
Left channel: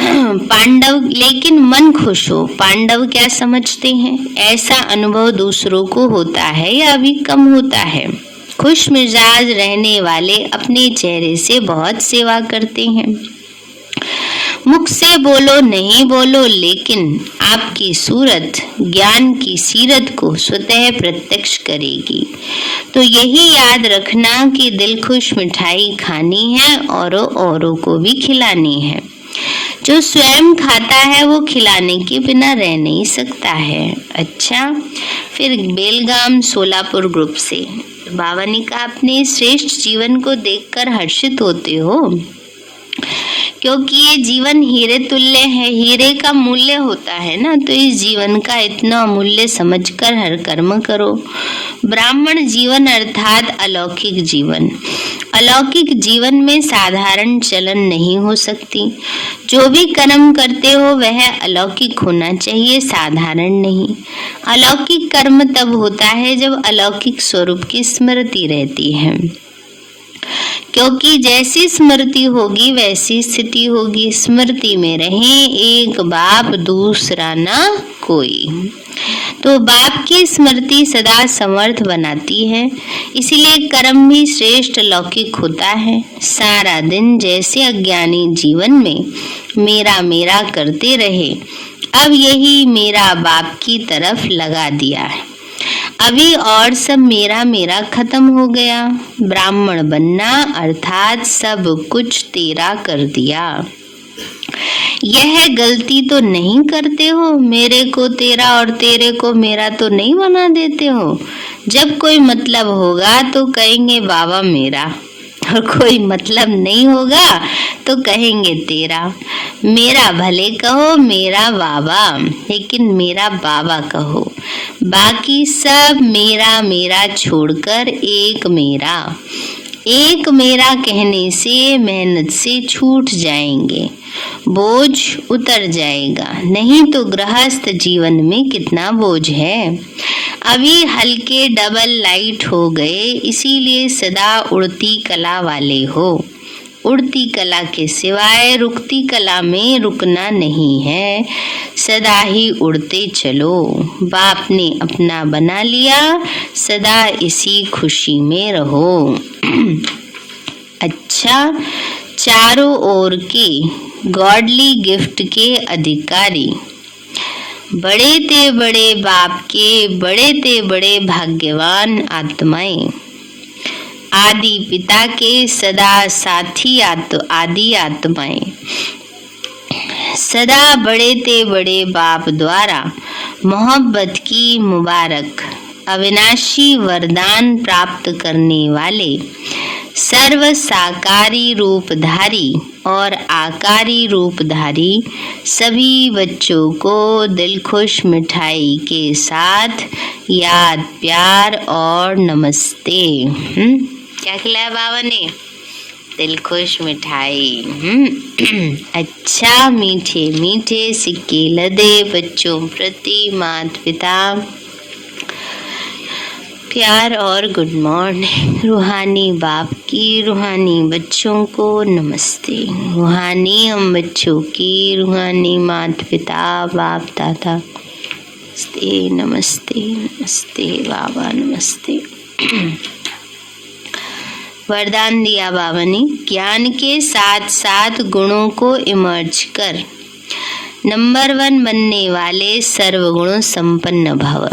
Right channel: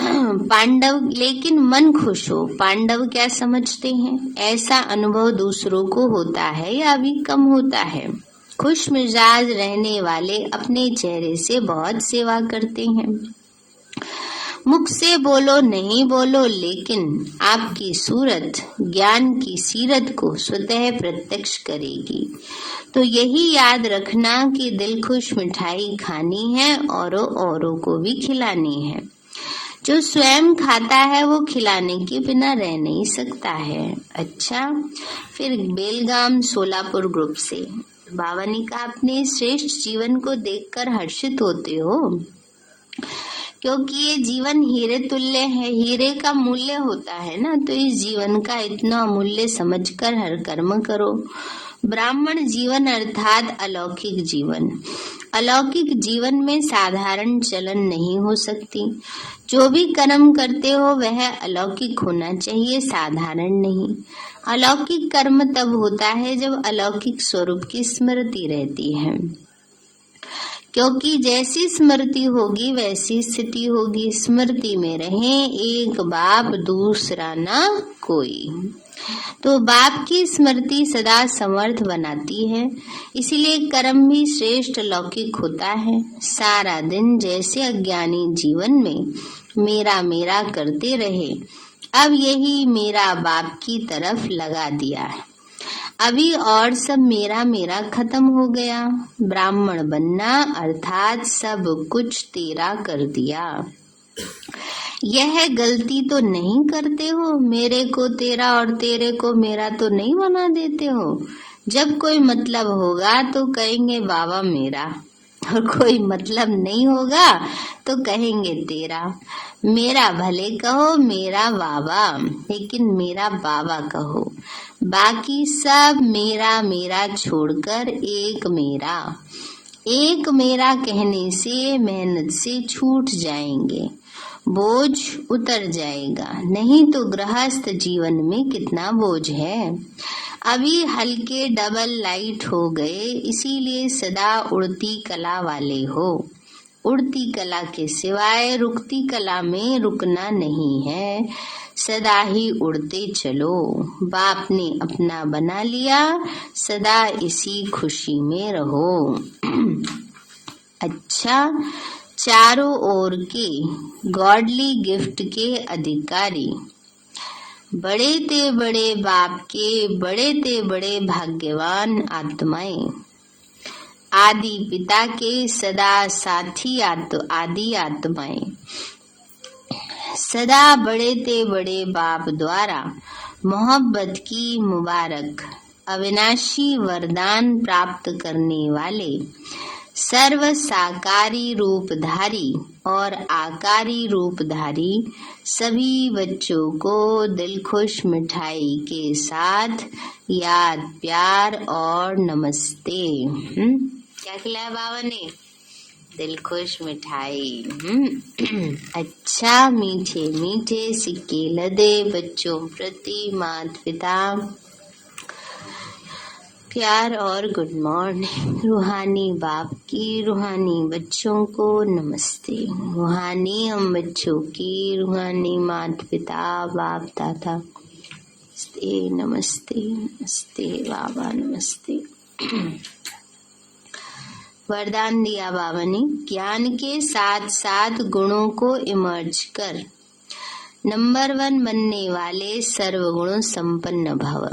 पांडव, लेकिन मन खुश हो। पांडव क्या समझते हैं? ऐसा अनुभव दूसरों को होता है या अभी कम होता है? खुश मिजाज रहने वाले अपने चेहरे से बहुत सेवा करते हैं। मुख से बोलो नहीं बोलो, लेकिन आपकी सूरत ज्ञान की सीरत को स्वतः प्रत्यक्ष करेगी। तो यही याद रखना कि दिल खुश मिठाई खानी है और औरों को भी खिलानी है। जो स्वयं खाता है वो खिलाने के बिना रह नहीं सकता है। अच्छा, फिर बेलगाम सोलापुर ग्रुप से बाबा ने कहा, अपने श्रेष्ठ जीवन को देखकर हर्षित होते हो, क्योंकि ये जीवन हीरे तुल्य है, हीरे का मूल्य होता है ना। तो इस जीवन का इतना मूल्य समझकर हर कर्म करो। ब्राह्मण जीवन अर्थात अलौकिक जीवन। अलौकिक जीवन में साधारण चलन नहीं हो सकती। जो भी कर्म करते हो वह अलौकिक होना चाहिए, साधारण नहीं। अलौकिक कर्म तब होता है जब अलौकिक स्वरूप की स्मृति रहती है, क्योंकि जैसी स्मृति होगी वैसी स्थिति होगी। स्मृति में रहे एक बाप दूसरा ना कोई। तो बाप की स्मृति सदा समर्थ बनाती है, इसीलिए कर्म भी श्रेष्ठ लौकिक होता है। सारा दिन जैसे अज्ञानी जीवन में मेरा मेरा करते रहे, अब यही मेरा बाप की तरफ लगा दिया है। अभी और सब मेरा मेरा खत्म हो गया। ब्राह्मण बनना अर्थात सब कुछ तेरा कर दिया। यह गलती तो नहीं करते हो? मेरे को तेरा और तेरे को मेरा तो नहीं बना देते हो? जब कोई मतलब होगा तो कहेंगे बाबा मेरा, और कोई मतलब नहीं होगा तो कहेंगे तेरा। मेरा भले कहो मेरा बाबा, लेकिन मेरा बाबा कहो। बाकी सब मेरा मेरा छोड़कर एक मेरा। एक मेरा कहने से मेहनत से छूट जाएंगे। बोझ उतर जाएगा। नहीं तो गृहस्थ जीवन में कितना बोझ है। अभी हल्के डबल लाइट हो गए, इसीलिए सदा उड़ती कला वाले हो। उड़ती कला के सिवाय रुकती कला में रुकना नहीं है, सदा ही उड़ते चलो। बाप ने अपना बना लिया, सदा इसी खुशी में रहो। अच्छा, चारों ओर के गॉडली गिफ्ट के अधिकारी, बड़े ते बड़े बाप के बड़े ते बड़े भाग्यवान आत्माएं, आदि पिता के सदा साथी आदि आत्माएं, सदा बड़े ते बड़े बाप द्वारा मोहब्बत की मुबारक अविनाशी वरदान प्राप्त करने वाले सर्व साकारी रूपधारी और आकारी रूपधारी सभी बच्चों को दिलखुश मिठाई के साथ याद, प्यार और नमस्ते। क्या खिलाया बाबा ने? दिलखुश मिठाई। अच्छा, मीठे मीठे सिक्के लदे बच्चों प्रति माता पिता प्यार और गुड मॉर्निंग। रूहानी बाप की रूहानी बच्चों को नमस्ते। रूहानी हम बच्चों की रूहानी माता पिता बाप दादा नमस्ते नमस्ते नमस्ते बाबा नमस्ते। वरदान दिया बाबा ने, ज्ञान के साथ साथ गुणों को इमर्ज कर नंबर 1 बनने वाले सर्वगुण संपन्न भव।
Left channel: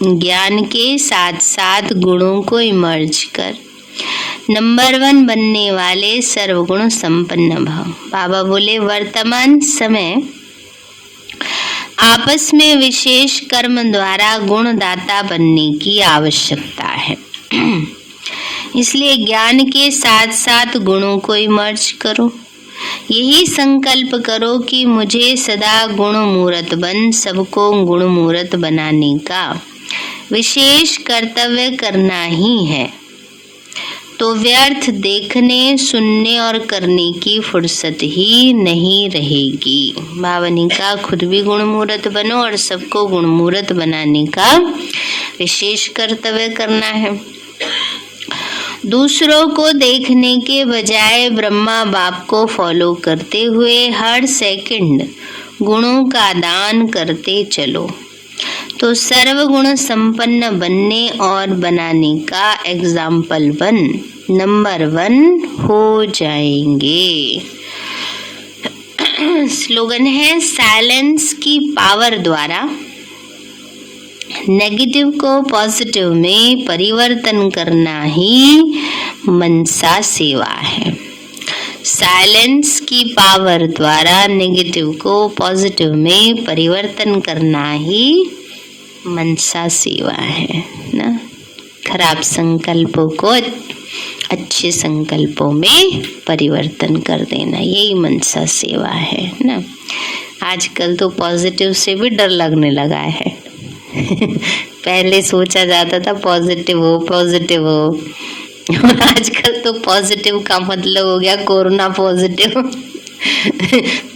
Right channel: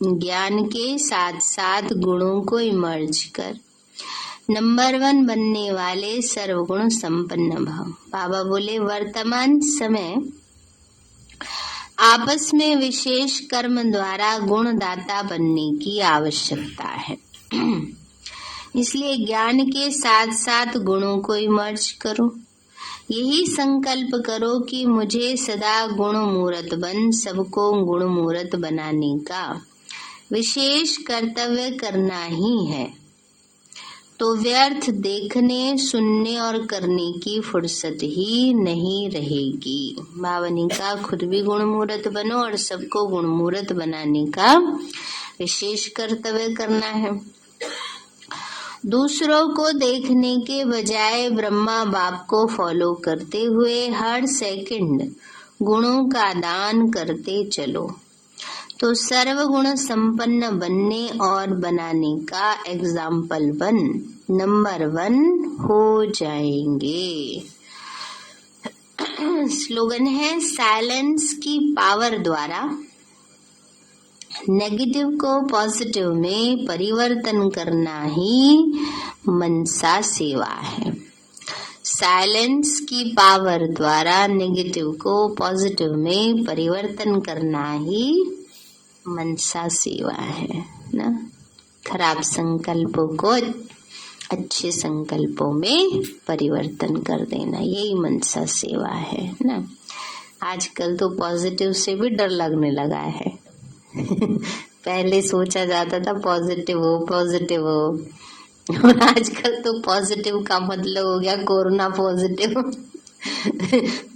ज्ञान के साथ साथ गुणों को इमर्ज कर नंबर 1 बनने वाले सर्वगुण संपन्न भव। बाबा बोले, वर्तमान समय आपस में विशेष कर्म द्वारा गुणदाता बनने की आवश्यकता है। इसलिए ज्ञान के साथ साथ गुणों को इमर्ज करो। यही संकल्प करो कि मुझे सदा गुण मूर्त बन सबको गुण मूर्त बनाने का विशेष कर्तव्य करना ही है। तो व्यर्थ देखने, सुनने और करने की फुर्सत ही नहीं रहेगी। बाबा ने कहा, खुद भी गुण मूर्त बनो और सबको गुण मूर्त बनाने का विशेष कर्तव्य करना है। दूसरों को देखने के बजाय ब्रह्मा बाप को फॉलो करते हुए हर सेकंड गुणों का दान करते चलो, तो सर्वगुण संपन्न बनने और बनाने का एग्जाम्पल बन नंबर 1 हो जाएंगे। स्लोगन है, साइलेंस की पावर द्वारा नेगेटिव को पॉजिटिव में परिवर्तन करना ही मनसा सेवा है। साइलेंस की पावर द्वारा नेगेटिव को पॉजिटिव में परिवर्तन करना ही मनसा सेवा है ना। खराब संकल्पों को अच्छे संकल्पों में परिवर्तन कर देना, यही मनसा सेवा है ना। आजकल तो पॉजिटिव से भी डर लगने लगा है। पहले सोचा जाता था पॉजिटिव हो और आजकल तो पॉजिटिव का मतलब हो गया कोरोना पॉजिटिव।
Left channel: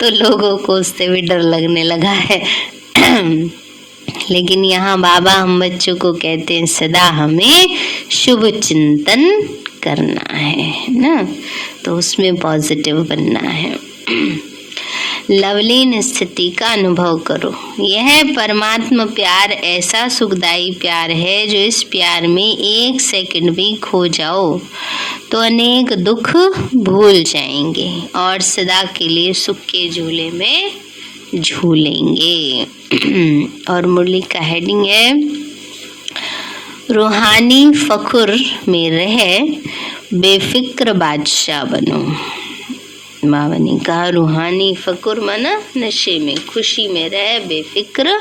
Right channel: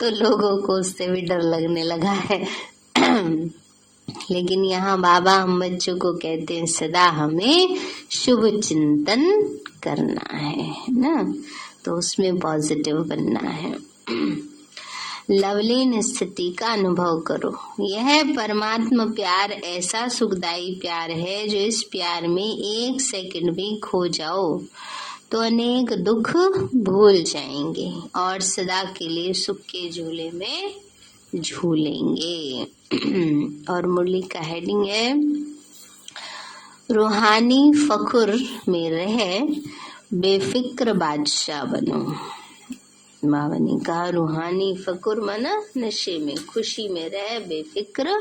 तो लोगों को उससे भी डर लगने लगा है। लेकिन यहाँ बाबा हम बच्चों को कहते हैं, सदा हमें शुभ चिंतन करना है ना, तो उसमें पॉजिटिव बनना है। लवलीन स्थिति का अनुभव करो। यह परमात्मा प्यार ऐसा सुखदायी प्यार है, जो इस प्यार में एक सेकंड भी खो जाओ तो अनेक दुख भूल जाएंगे और सदा के लिए सुख के झूले में झूलेंगे। और मुरली का हेडिंग है, रूहानी फखुर में रह बेफिक्र बादशाह बनो। बाबा ने कहा, रूहानी फकुर माना नशे में, खुशी में रह बेफिक्र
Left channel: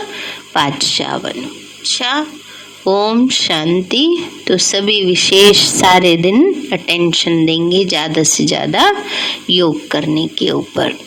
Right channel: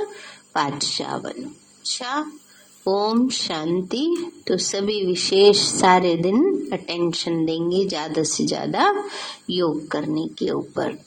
बादशाह बनो। अच्छा, ओम शांति। तो सभी विशेष सारे दिन अटेंशन देंगे ज़्यादा से ज़्यादा योग करने के ऊपर।